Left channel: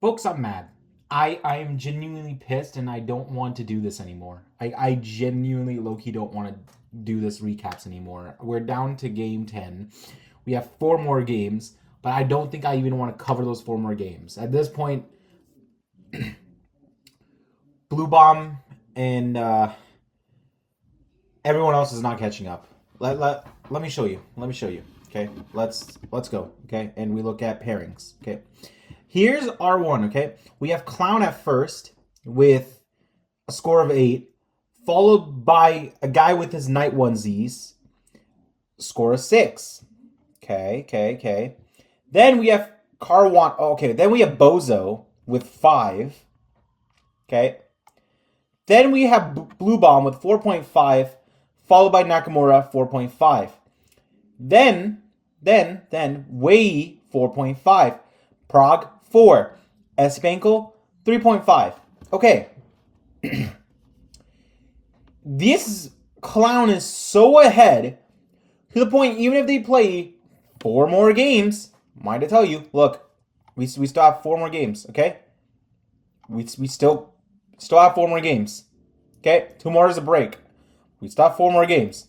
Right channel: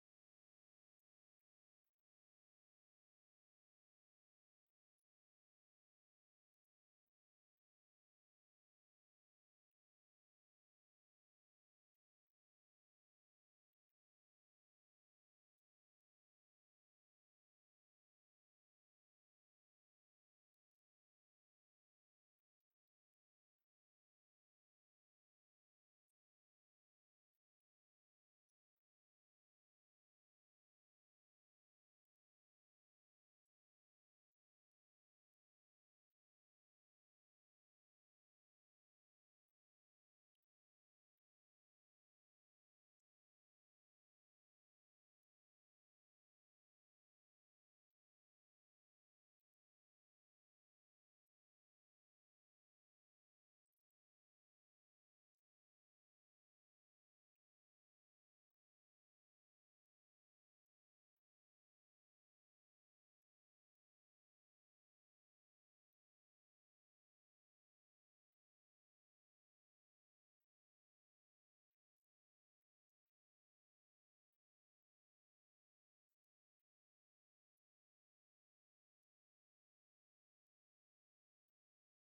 Folks, I'm mad. I'm genuinely pissed and I don't want to do this anymore. I genuinely low-key don't want to do this recaps anymore. We're down to game 10. We have 4 more games, but I don't think I even want to cover those 4 more games. At this point, Blue Bomb and everyone else is not catching up. Let me show you. Let me show you. Okay, let's go. Okay, and we look at pairings. Okay, here's R1. Okay, we have Clown at first with a score of 8, followed by a guy with his Knight onesies, score of 6. Okay. Then we have Caruana. Okay, then we have Bozo with 5. Okay. Then we have Blue Bomb with 4.5, followed by Nakamura 4.5. Then Wei 4.5, Prague 4, Espankel 3.5. Okay. This clown is so ahead to the point, even if they play 4 more games, mind to tell you, look, we still have 4 more games, okay? We still have 4 more games. Okay? 2 more is a break. We still have 4 more games.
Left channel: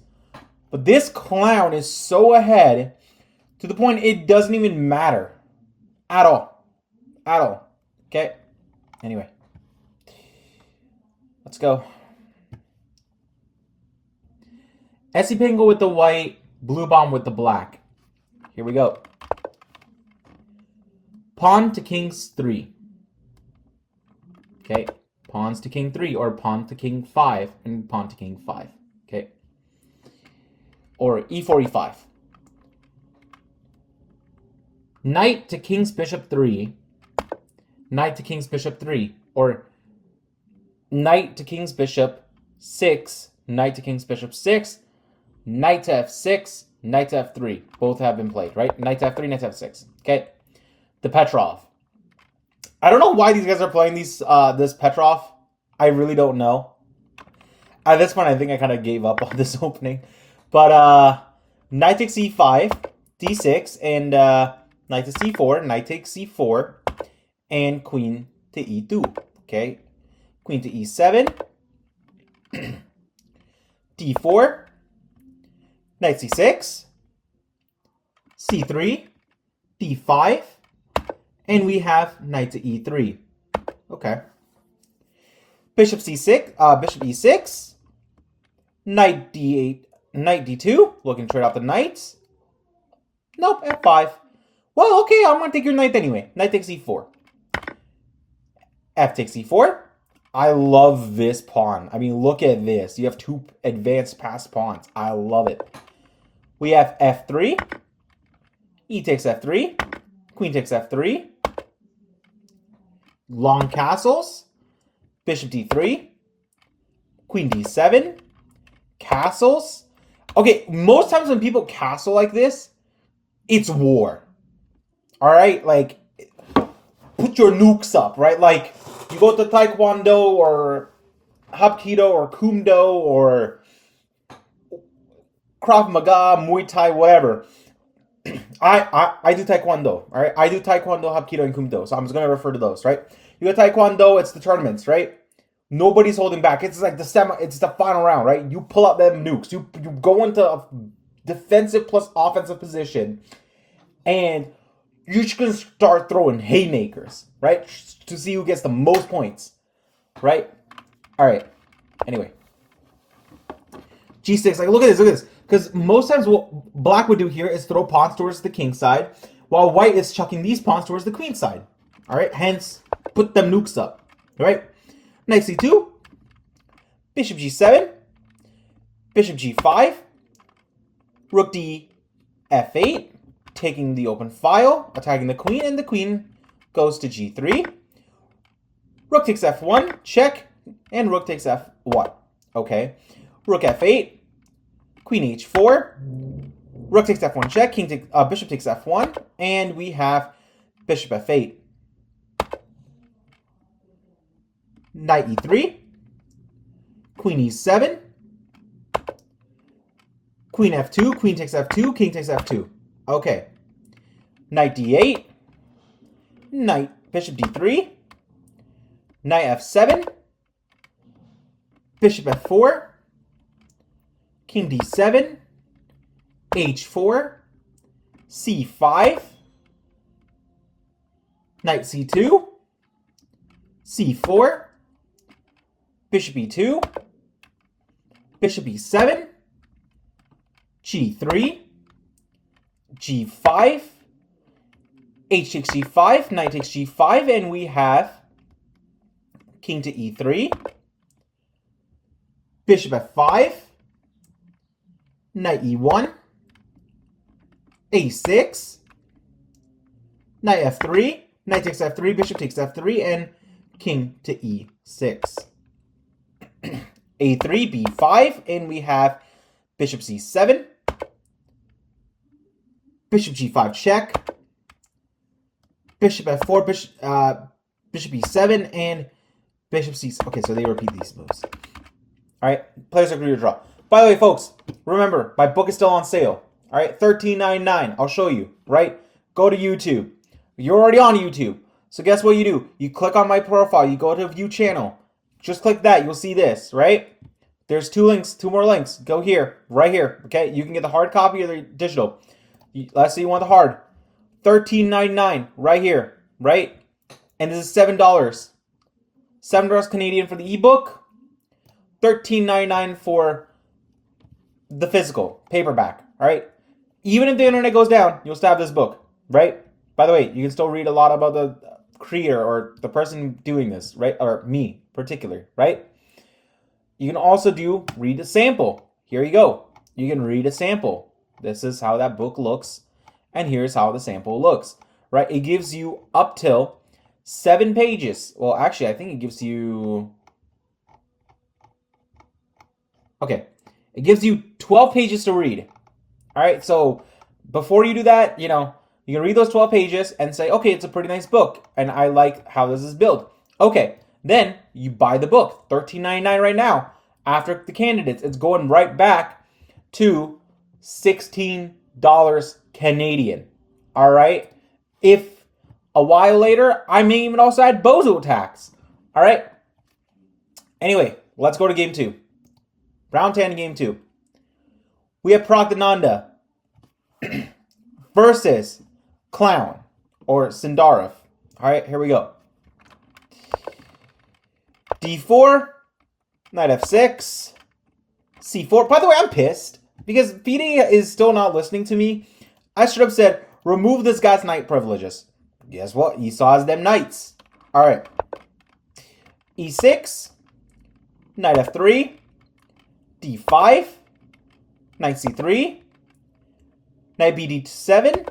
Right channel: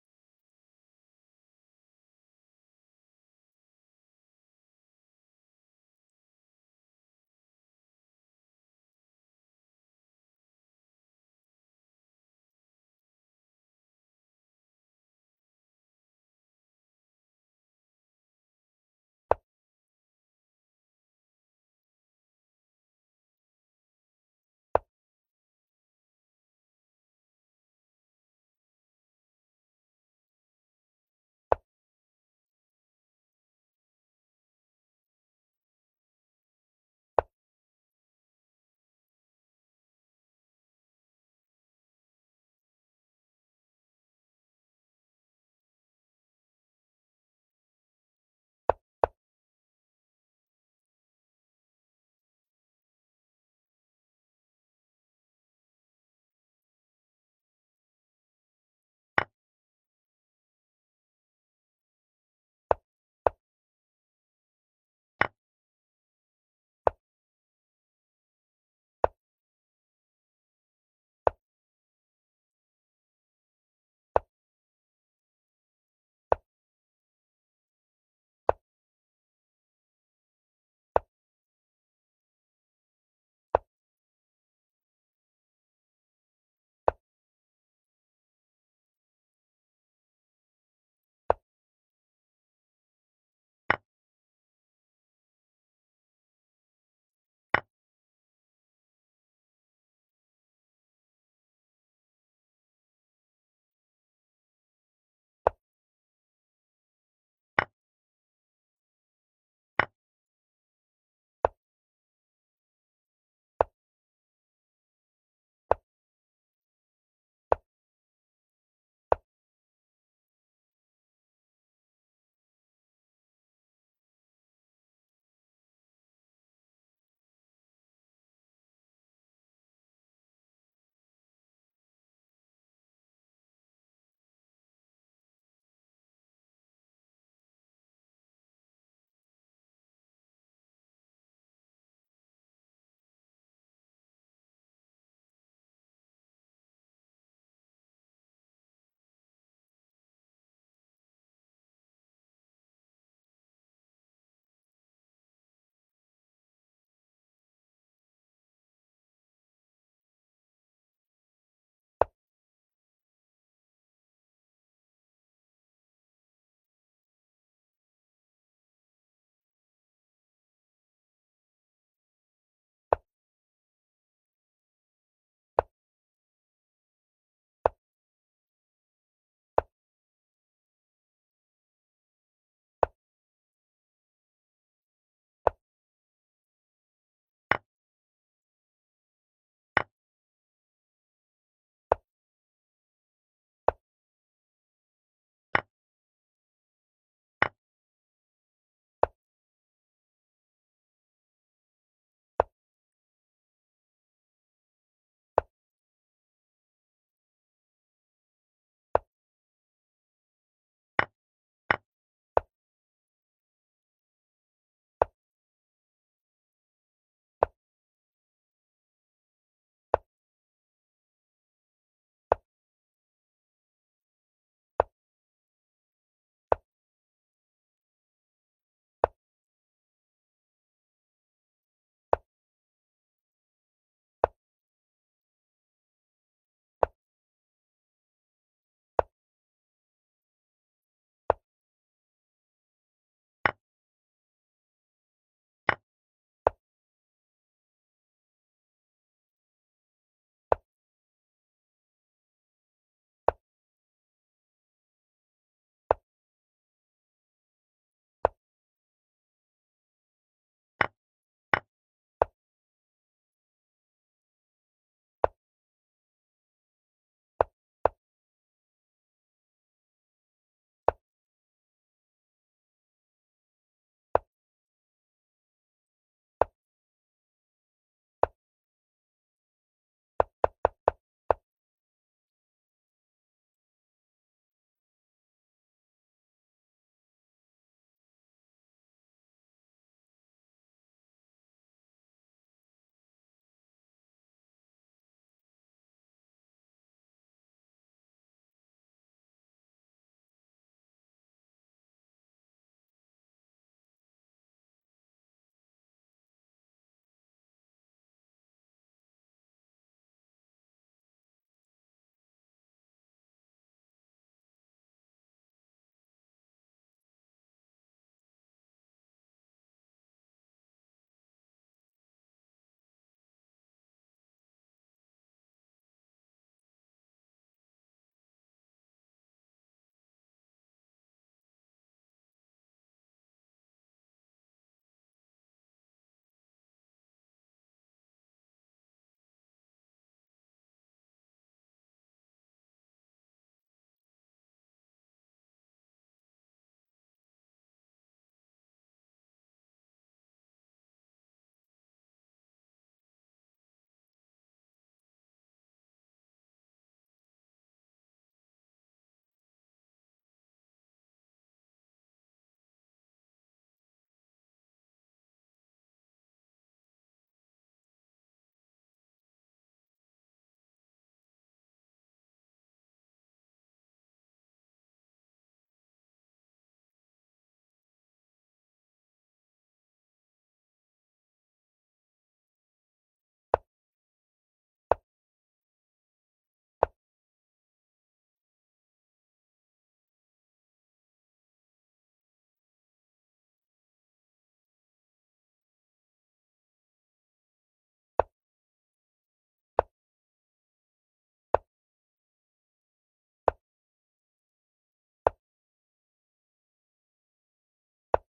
But this clown is so ahead to the point it doesn't even matter. At all. Okay? Anyway. Let's go. Espankel with the white, Blue Bomb with the black. Here we go. Pawn to King's 3. Okay? Pawns to King 3, or Pawn to King 5, and Pawn to King 5. Okay? Or E4, E5. Knight to King's Bishop 3. Knight to King's Bishop 3. Or Knight to King's Bishop 6. Knight to King's Bishop 6. Knight to F6. Knight to F3. Both have been played, right? Knight to F3, Knight to F6. Okay? The Petrov. I don't know why these guys are playing this Petrov. I really don't know. At this point, I think I kind of gave up on this opening. But Knight takes E5, D6, and Knight to C4, Knight takes C4, and Queen to E2. Okay? Queen to E7, D4, Knight C6, C3, D5, and we have Knight to E3. Okay. Bishop C6, Bishop E6, Knight D8, Knight D2, looking to trade out the knights. Nope, F5. Well, okay, I'm going to take your knight anyway. Knight takes E4. F takes E4. I love this pawn. I mean, look at this. You have 2 advanced passed pawns. I love it. We have F3. E takes F3. Queen takes F3. Long castles. Bishop D3. Queen D7. Castles. Okay, most times when people castle like this, it's war. Alright? Like, put your nukes up, right? Like, you go to Taekwondo or Hapkido or Kumdo or Krav Maga, Muay Thai, whatever. I do Taekwondo, alright? I do Taekwondo, Hapkido, and Kumdo, so I'm just going to refer to those, right? You go Taekwondo, it's the tournaments, right? Nobody's holding back. It's like it's the final round, right? You pull out them nukes. You go into a defensive plus offensive position, and you're just going to start throwing haymakers, right? To see who gets the most points, right? All right. Anyway. G6. Like, look at this. Because most times what black would do here is throw pawns towards the king side, while white is chucking these pawns towards the queen side. All right? Hence, put them nukes up. All right? Knight C2. Bishop G7. Bishop G5. Rook D F8. Taking the open file, attacking the queen, and the queen goes to G3. Rook takes F1, check, and rook takes F1. Okay. Rook F8, Queen H4, Rook takes F1, check, Bishop takes F1, and we have Bishop F8. Knight E3, Queen E7, Queen F2, Queen takes F2, King takes F2. Okay. Knight D8, Knight bishop d3, knight f7, bishop f4, king d7, h4, c5, knight c2, c4, bishop e2, bishop e7, g3, g5, h takes g5, knight takes g5, and we have king to e3, bishop f5, knight e1, a6, knight f3, knight takes f3, bishop takes f3, and king to e6. a3, b5, and we have bishop c7, bishop g5 check, bishop f4, bishop e7, and bishop c. Okay, so they repeat these moves. All right, players agree to draw. By the way, folks, remember, my book is still on sale. All right, $13.99. I'll show you, right? Go to YouTube. You're already on YouTube. So guess what you do? You click on my profile. You go to view channel. Just click that. You'll see this, right? There's two more links. Go here, right here, okay? You can get the hard copy or the digital. Let's say you want the hard. $13.99 right here, right? And this is $7. $7 Canadian for the ebook. $13.99 for the physical paperback, all right? Even if the internet goes down, you'll still have this book, right? By the way, you can still read a lot about the creator or the person doing this, right? Or me, particular, right? You can also read a sample. Here you go. You can read a sample. This is how that book looks, and here's how the sample looks, right? It gives you up till 7 pages. Well, actually, I think it gives you... Okay, it gives you 12 pages to read. All right, so before you do that, you can read those 12 pages and say, okay, it's a pretty nice book, and I like how this is built. Okay, then you buy the book, $13.99 right now. After the candidates, it's going right back to $16 Canadian. All right, if a while later, I may even also add bozo tax. All right. Anyway, let's go to game 2. Round 10, game 2. We have Praggnanandhaa versus Clown or Sindarov. All right, here we go. D4, knight f6, c4. By the way, I'm pissed because FIDE is still not listening to me. I should have said, remove this guy's knight privileges. Guess what? He saw as them knights. All right. e6, knight f3, d5, knight c3, knight bd7,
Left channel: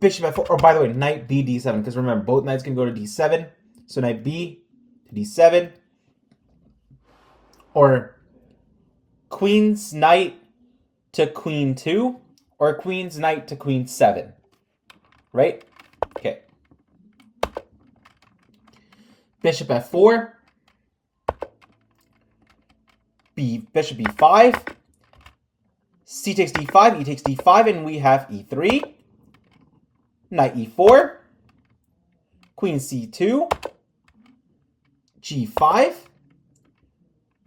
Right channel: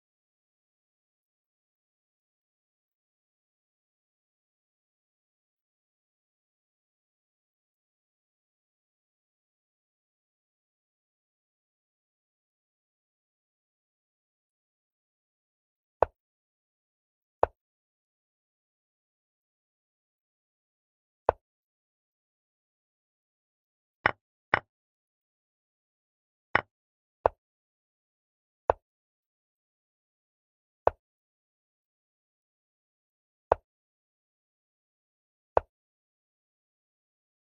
bishop f4. Or by the way, knight bd7, because remember, both knights can go to d7. So knight b to d7. Or queen's knight to queen 2. Or queen's knight to queen 7. Right? Okay. Bishop f4. Bishop e5. C takes d5, e takes d5, and we have e3. Knight e4. Queen c2. g5.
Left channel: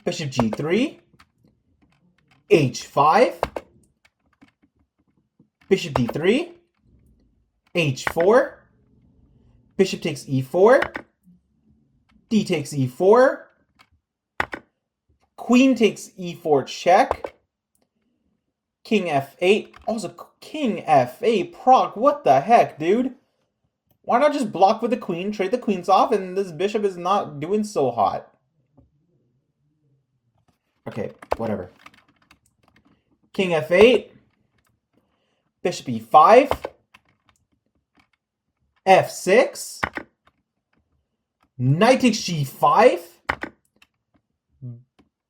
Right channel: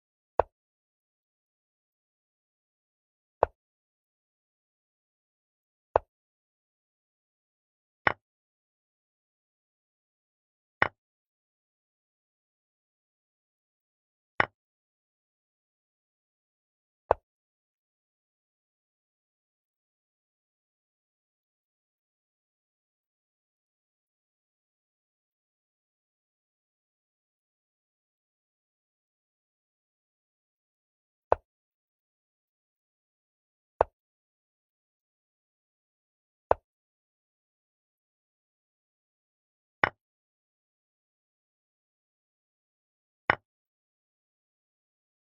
Bishop g3. h5. Bishop d3. h4. Bishop takes e4. D takes e4. Queen takes e4 check. King f8. Also, king f8. Prog, what the heck, dude? Why not just block with the queen, trade the queens off, and this bishop is not doing so hot? Okay, whatever. King f8. Bishop e5. f6. Knight takes g5.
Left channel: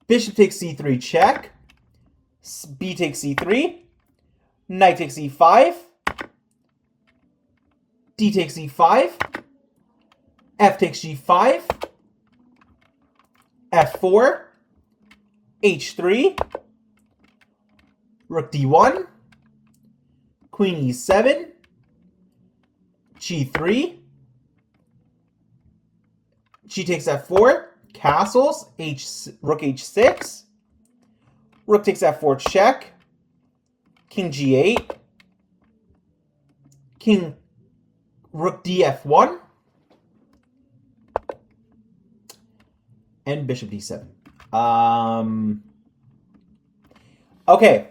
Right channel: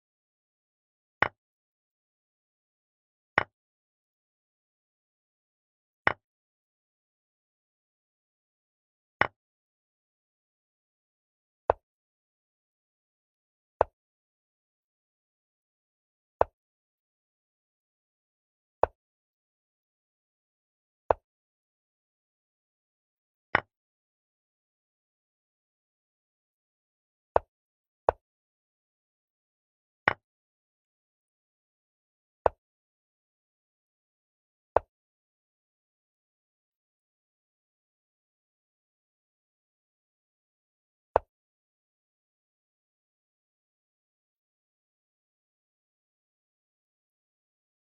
Bishop takes c3 check. B takes c3. Knight takes e5. D takes e5. F takes g5. f4. h3. Rook d1. Queen e7. G3. G takes F4. Castles. Rook H6. Rook takes F4 check. King G8. Rook DF1. And Bishop D7. Okay.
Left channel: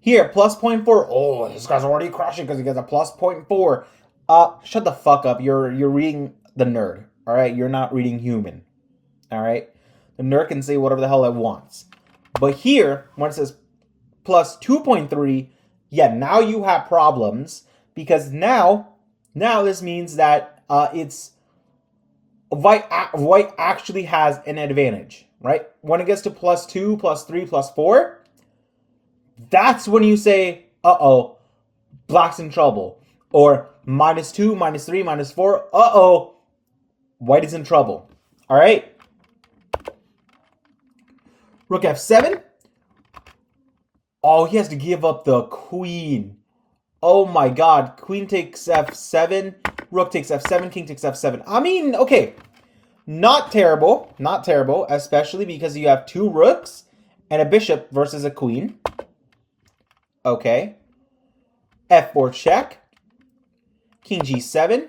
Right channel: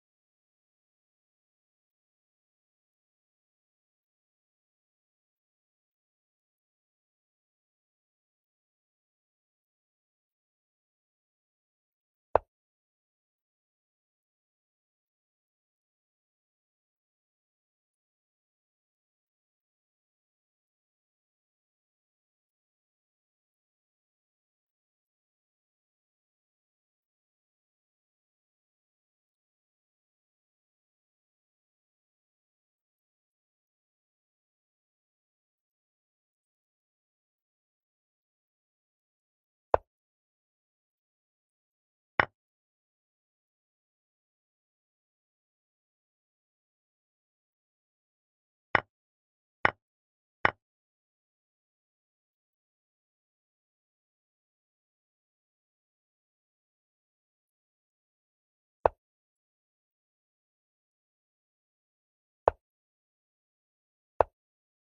Here, plus 0.4. Oh, this guy's already crushing because he gets a plus 0.4. Shut the fuck up. You're reading the nerd. All right? You're not reading human. All right? The nerd can say whatever the hell it wants. But here, when it says plus 2.3, yeah, now you have problems because now this means that it's white actually has an advantage, right? When it gets to plus 2, plus 3, plus 4, that's when you say, uh-oh, black's in trouble. Or minus 2, minus 3, minus 4, uh-oh, white is in trouble. All right? Rook F7. Oh, he has to give up the queen. Oh my god. Queen takes F7. Rook takes F7. King takes F7. I mean, okay. Not terrible. Not terrible. Especially because you have 2 rooks and a bishop versus a queen. Okay. F4 check. King G7.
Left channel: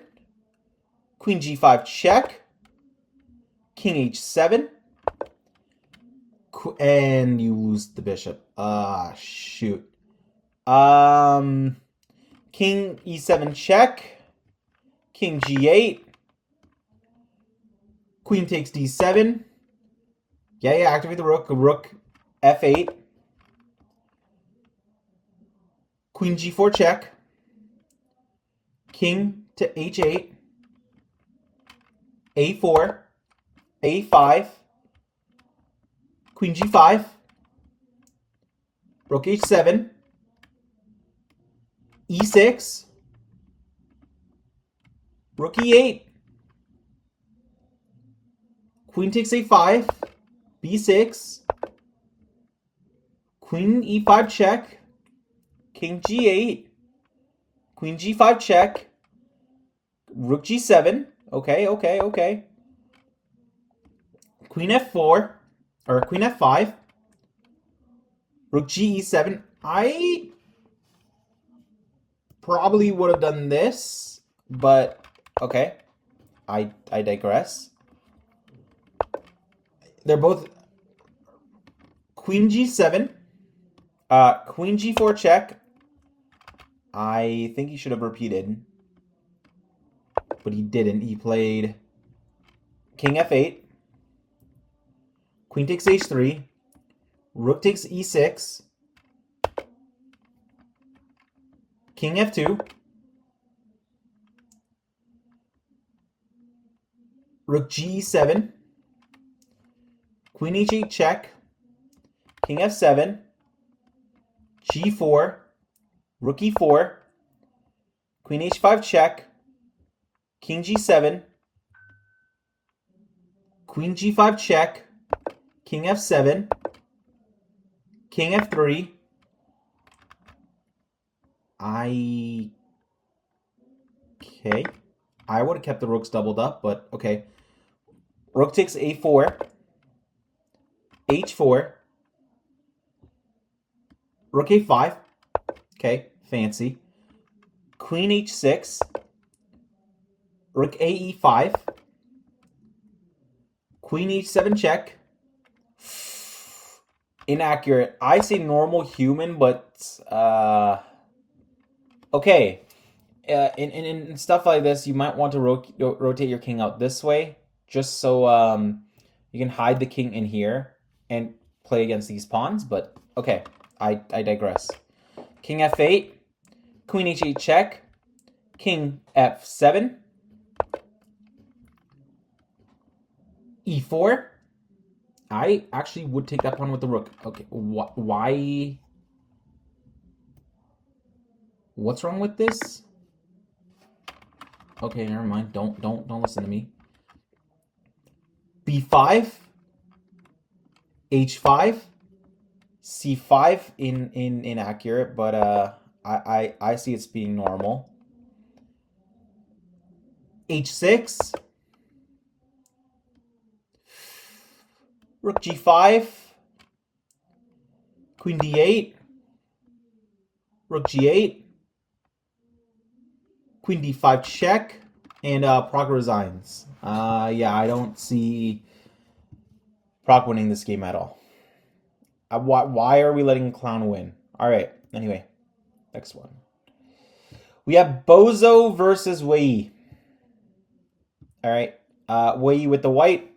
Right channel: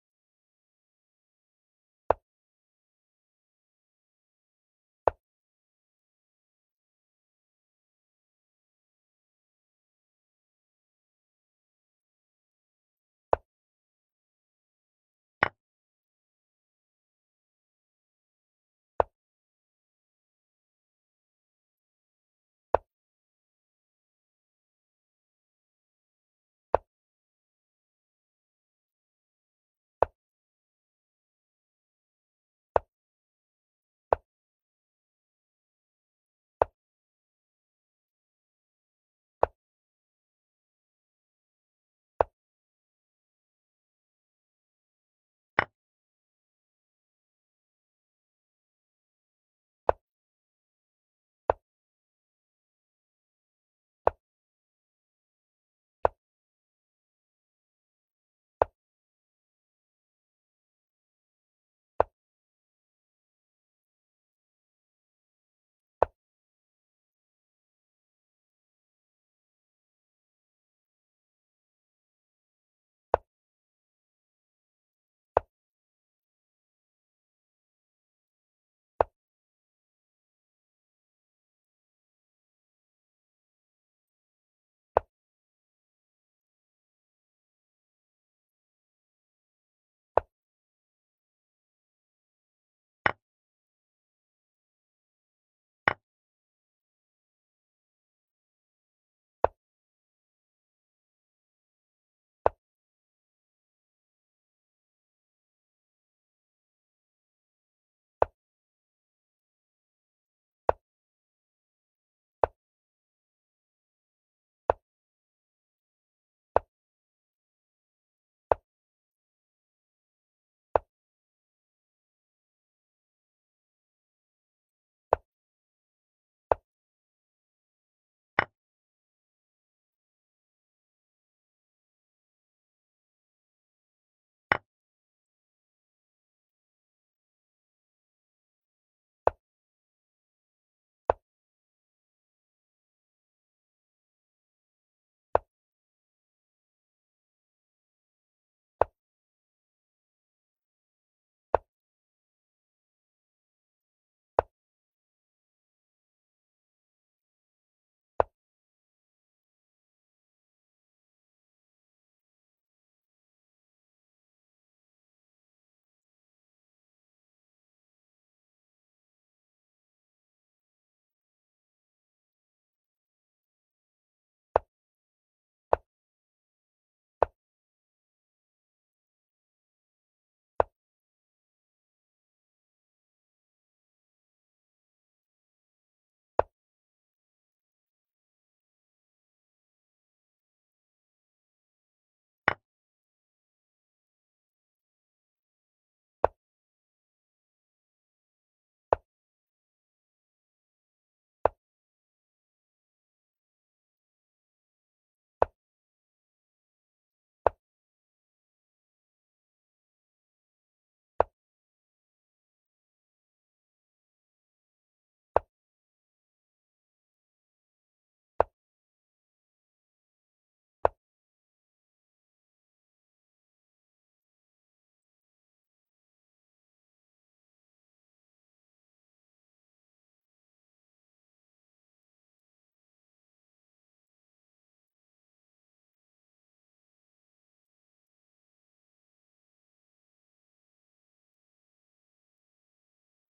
Queen G5 check. King H7. And you lose the bishop. Shoot. King E7 check. King G8. Queen takes D7. Yeah, activate the rook. Rook F8. Queen G4 check. King to H8. A4. A5. Queen G5. Rook H7. E6. Rook E8. Queen takes A5. B6. Queen E5 check. King G8. Queen G5 check. Rook G7. Okay. Queen F4. Or Queen F5. Rook G7. I probably would have done this, but okay. I digress. They're both Queen G7. Queen G4 check. I think he should have repeated. But he didn't. He played King F8. Queen takes H3. Rook takes E6. King F2. Rook G7. Queen H8 check. King F7. G4. Rook E4. Queen H5 check. King G7. Queen G5 check. King F7. King F3. Okay. I would have kept the rooks doubled up, but okay. Rook takes A4. H4. Rook A5. Okay, fancy. Queen H6. Rook AE5. Queen H7 check. Inaccurate. I say normal human, but okay. In stuff like this, you might want to rotate your king out this way, just so you can hide the king in here and play against these pawns. But okay, I digress. King F8, Queen H8 check, King F7, E4. I actually would take that pawn with the rook. Okay, why? What's wrong with this? Okay, never mind. Don't listen to me. B5, H5, C5 inaccurate, but I see it's being normal. h6, rook g5, queen d8, rook g8, queen d5 check, and Pragg resigns. Yeah, I don't see Pragg winning this game at all. Why are we letting Clown win? All right, anyway, next one. We have Bozo versus Wei. All right, Wei with the white,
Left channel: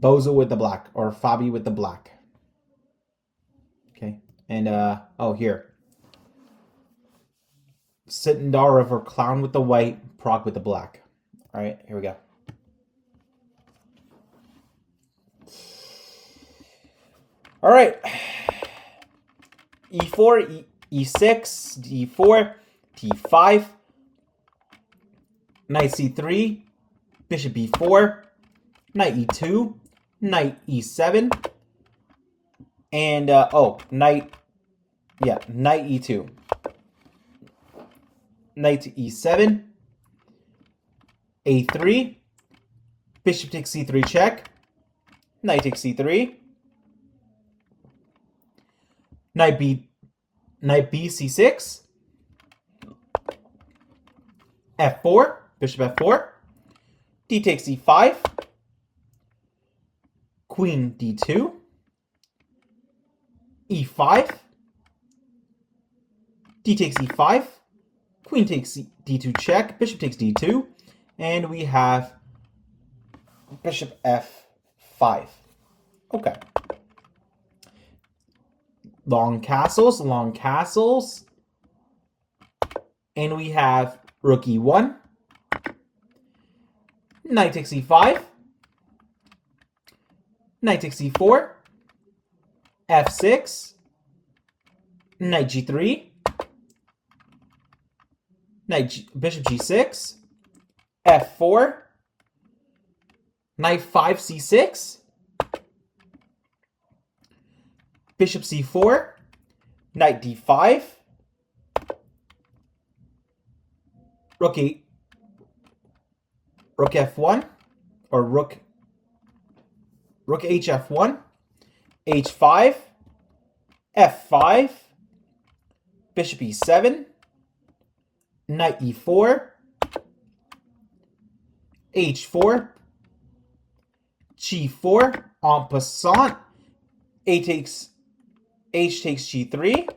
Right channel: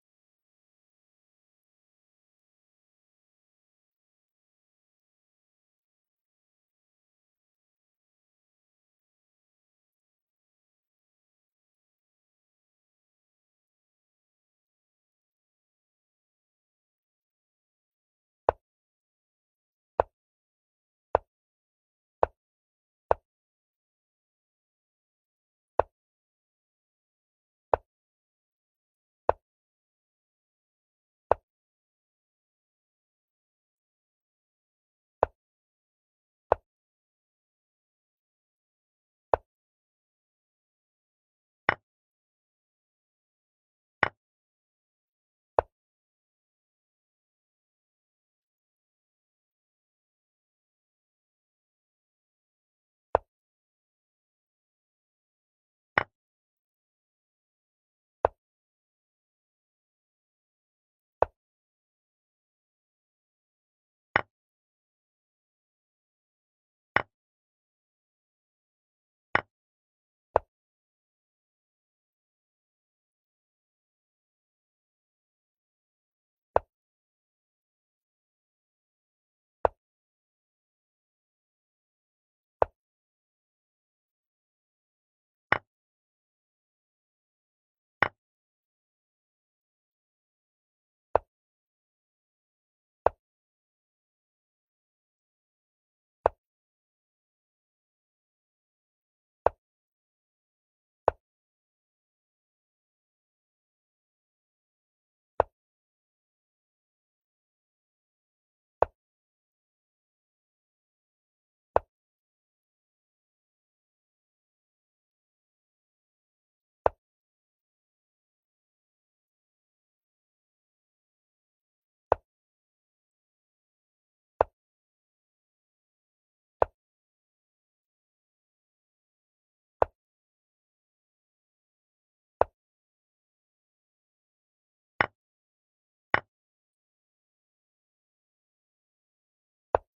Bozo with the black, or Fabi with the black. Okay, and oh, here. Sindarov or Clown with the white, Pragg with the black. All right, here we go. All right. E4, E6, D4, T5, knight C3, bishop B4, knight E2, knight E7, and knight E2. Knight to E7, A3, bishop takes C3 check, knight takes C3, knight B C6, F4, bishop F4, D takes E5, queen D2, E5, D takes E5, queen takes D2 check, bishop takes D2, and we have bishop F5. Okay. Long castles. And we have rook E1, knight takes E5, knight takes E4, F6, knight G3, bishop G6, F4, knight 5 C6, bishop C4, knight D5, rook F1, or rook HF1, H5, F5, bishop E7, knight E4, H4, G4, en passant, H takes G3,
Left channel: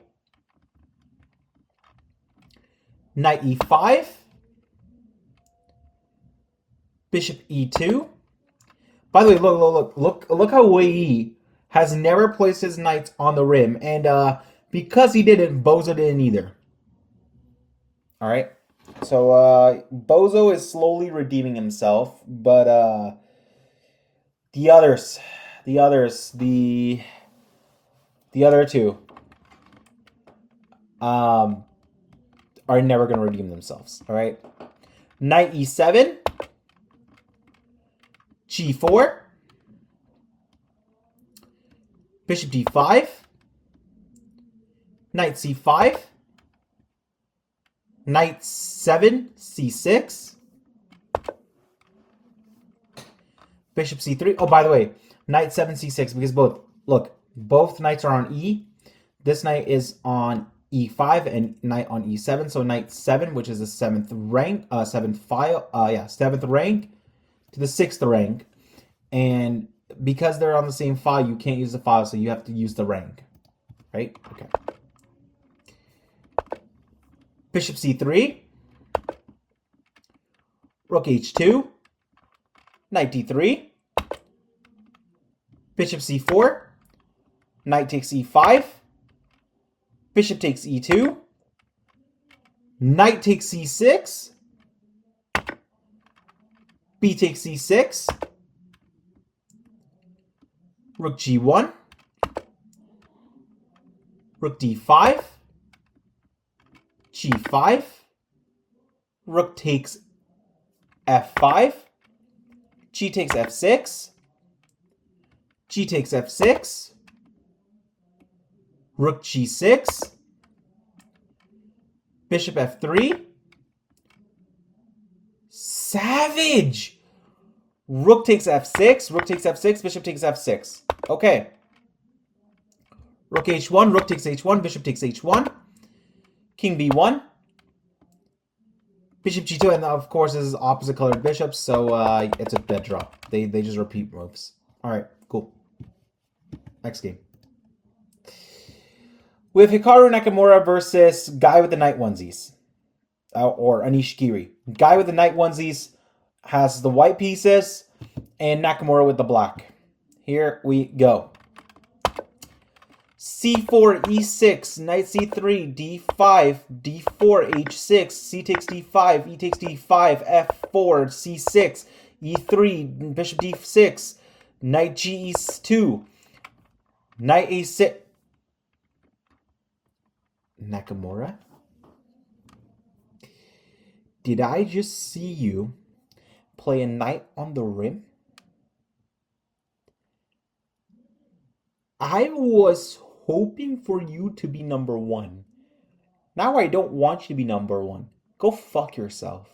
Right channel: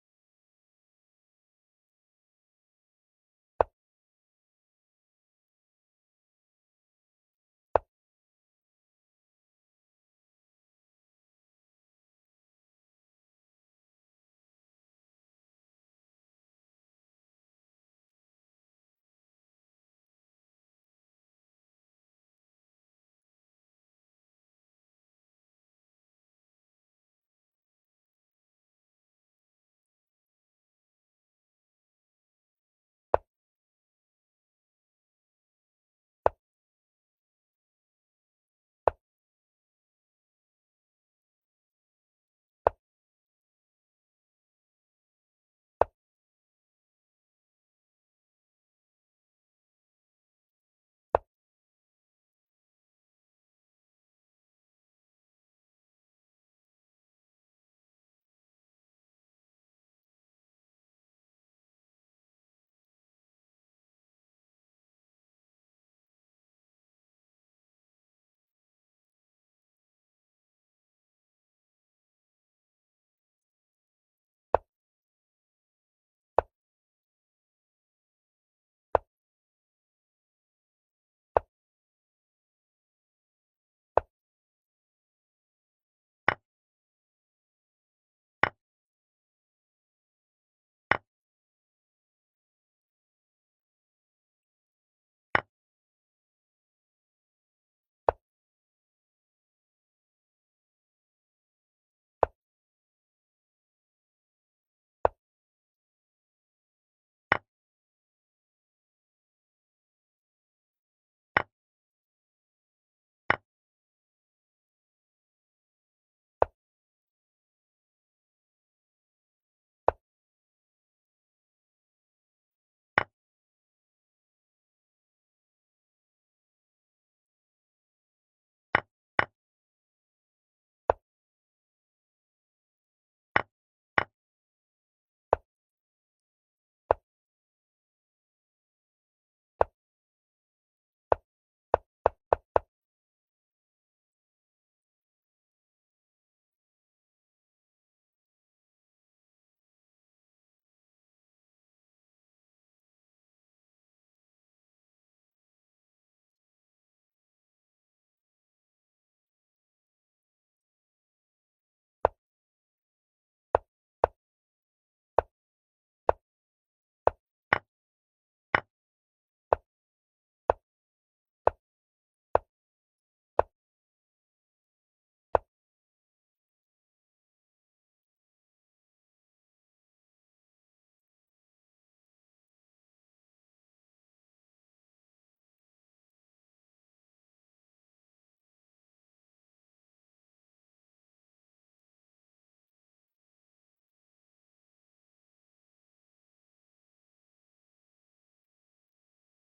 knight E5, bishop E2. By the way, look how Wei has never placed his knights on the rim, and because he didn't, Bozo didn't either. All right, so Bozo is slowly redeeming himself, but the other two, are never going to redeem themselves. All right, knight E7, G4, bishop D5, knight C5, knight 7 C6, bishop C3. Oh, by the way, knight 7 C6 because both knights are on E. This knight is on E5 and knight on E7. So knight 7, which is the 7th rank, 7th rank to the 6th rank. And because they're on the same file, you can't use the file, so you have to use the rank. Right? Okay. Bishop C3, rook H2, knight D3, bishop C4, knight takes E5, bishop takes E2, knight takes C6, B takes C6, rook G1, rook D5, G5, rook takes F5, G takes F6, G takes F6, rook G6, bishop F3, Savage! Rook takes f6, rook takes f6, bishop takes f6. Okay. Rook h1, rook takes h1, bishop takes h1. King b1. Bishop g2, and of course this is opposite colored bishops, so it's a dead draw. They just repeat moves. Alright, cool. Next game. We have Hikaru Nakamura versus guy with the knight onesies. Or Anish Giri. Guy with the knight onesies has the white pieces, and Nakamura with the black. Here we go. c4, e6, knight c3, d5, d4, h6, c takes d5, e takes d5, f4, c6, e3, bishop d6, knight ge2, knight a6. Nakamura? Did I just see you play a knight on the rim? I was hoping for you to be number one. Now I don't want you to be number one. Go fuck yourself.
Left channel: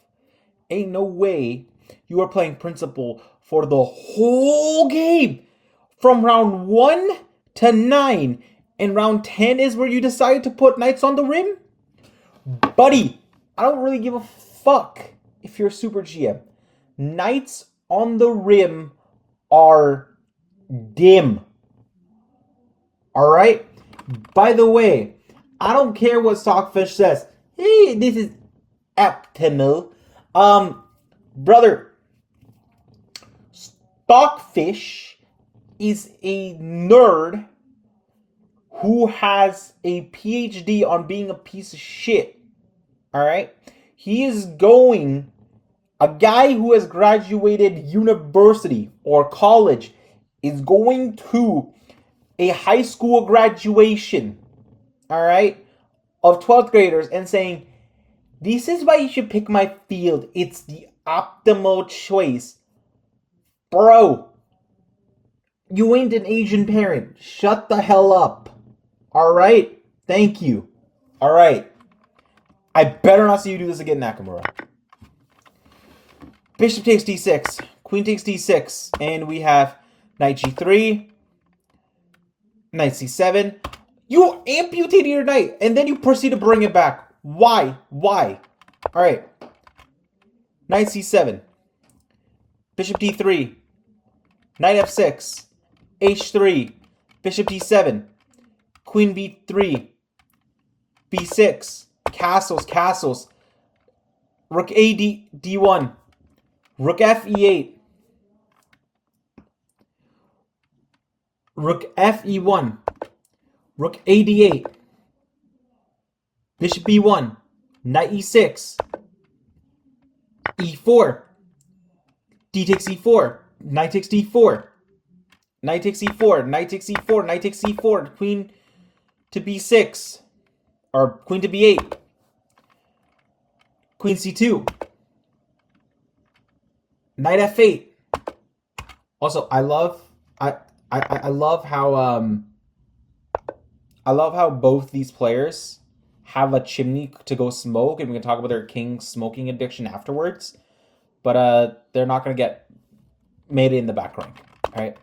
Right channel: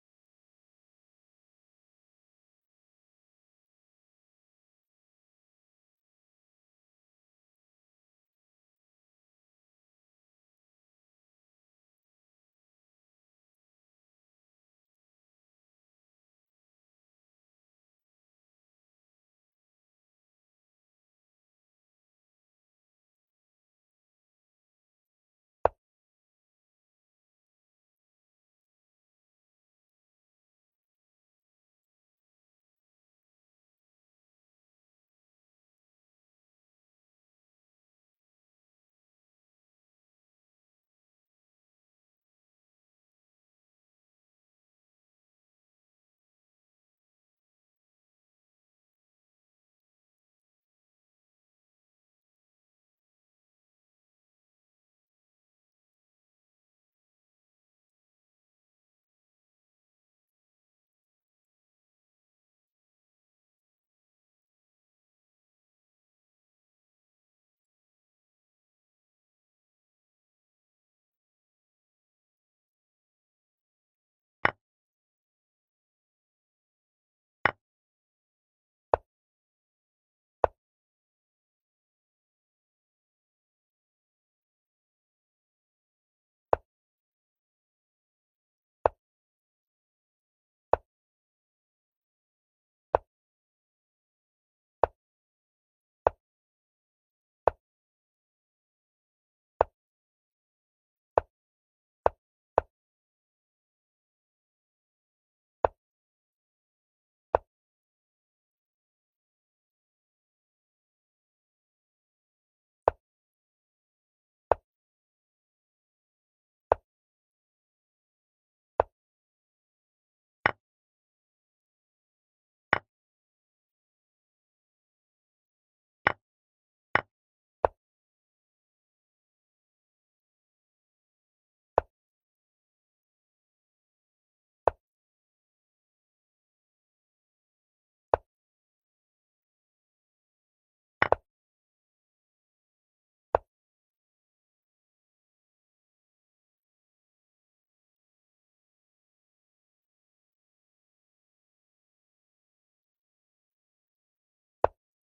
Ain't no way you are playing principal for the whole game. From round 1 to 9. And round 10 is where you decide to put knights on the rim? Buddy, I don't really give a fuck if you're a super GM. Knights on the rim are dim. Alright? By the way, I don't care what Stockfish says. Hey, this is optimal. Brother, Stockfish is a nerd who has a PhD on being a piece of shit. Alright? He is going, a guy who has graduated university or college is going to a high school graduation, alright, of 12th graders and saying, this is why you should pick my field. It's the optimal choice. Bro, you ain't an Asian parent. Shut the hell up. Alright? Thank you. Alright. I better not see you do this again, Nakamura. Bishop takes d6. Queen takes d6. And we have knight g3. Knight c7. You amputated your knight. And then you proceed to bring it back. Why? Why? Alright. Knight c7. Bishop d3. Knight f6. h3. Bishop d7. Queen b3. b6. Castles, castles. Rook a d1. Rook f e8. Rook f e1. Rook a d8. Bishop b1. Knight e6. e4. D takes e4. Knight takes d4. Knight takes e4. Knight takes e4. Knight takes e4. Queen to b6. Or queen to b8. Queen c2. Knight f8. Also, I love how both these players have a chimney to go smoke, and we can talk about their king smoking addiction afterwards. But they're not gonna get made in the back rank. Alright.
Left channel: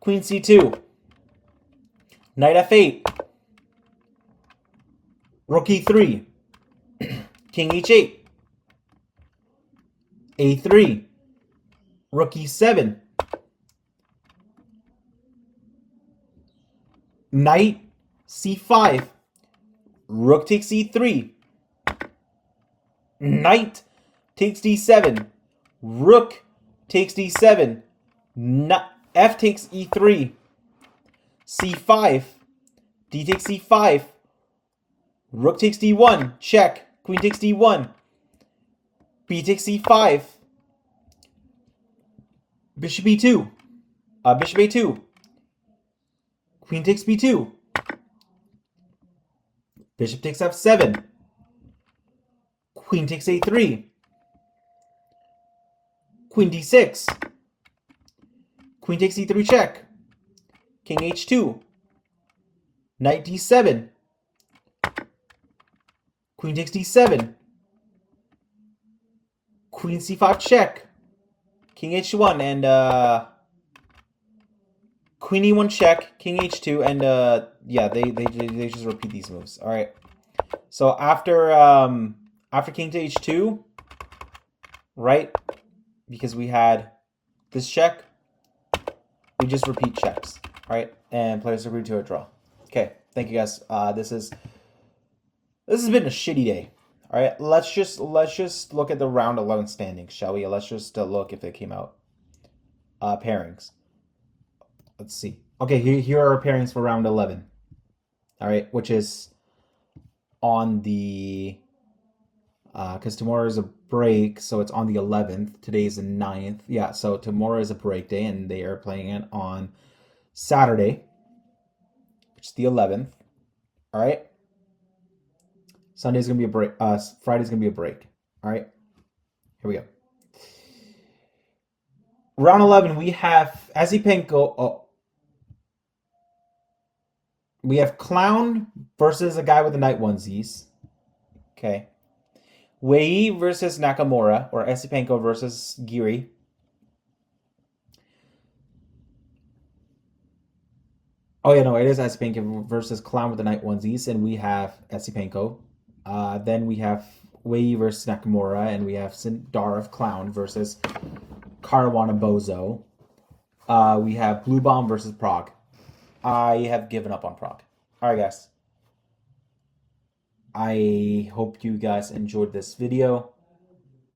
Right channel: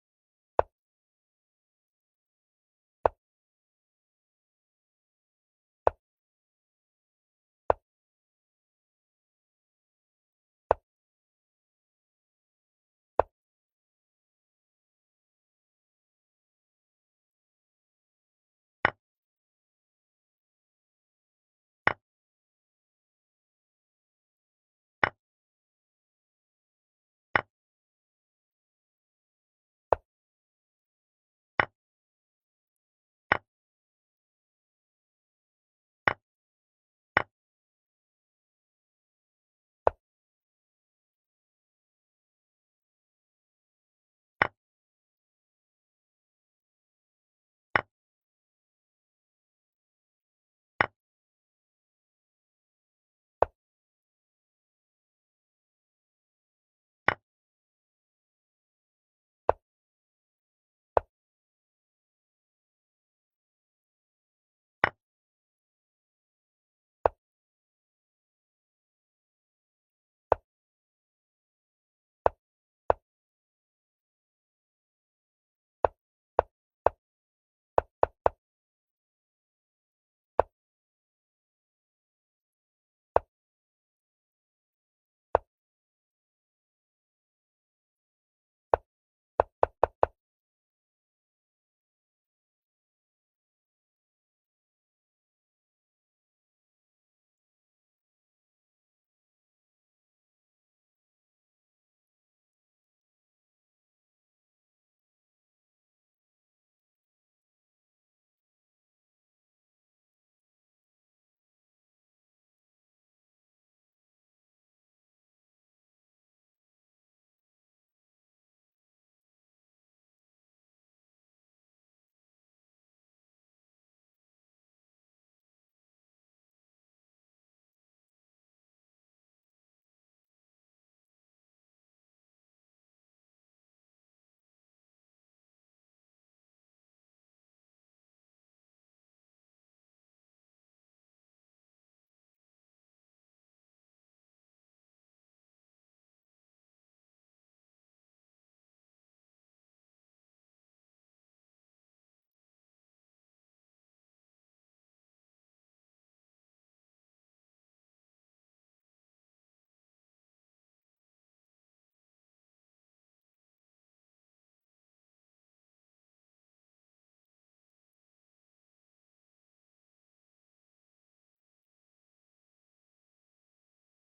Queen c2. Knight f8. Rook e3. King h8. a3. Rook e7. Knight c5. Rook takes e3. Knight takes d7. Rook takes d7. F takes e3. c5. D takes c5. Rook takes d1. Check. Queen takes d1. B takes c5. Bishop e2. Bishop a2. Queen takes b2. Bishop takes f7. Queen takes a3. Queen d6. Queen takes e3 check. King h2. Knight d7. Queen takes d7. Queen c5 check. King h1 and Queen e1 check. King h2 and yeah, they just repeat these moves. All right. So after king to h2, right? Because we had this check, we just repeat checks. All right, and players agree to a draw. Okay, thank you guys. This has been a shitty day. All right, let's just look at the round 11 standings, shall we? Let's just look if they came out. Pairings. Let's see. Okay, here are our pairings for round 11. All right, which is on the because tomorrow is a break, so it's on the 11th. Today is the 9th. Yeah, so tomorrow is a break day, and they are playing it on Saturday, which is the 11th. All right. Sunday's gonna be a break. Friday's gonna be a break. All right. Here we go. Round 11, we have Asipenko. Oh, we have Clown versus a guy with the night onesies. Okay. Wei versus Nakamura, or Asipenko versus Giri. Oh yeah, no, it is Asipenko versus Clown with the night onesies, and we have Asipenko. Then we have Wei versus Nakamura, and we have Sindarov Clown versus Caruana Bozo. We have Blue Bomb versus Prague. I have given up on Prague. All right, guys. I hope you guys enjoyed this video.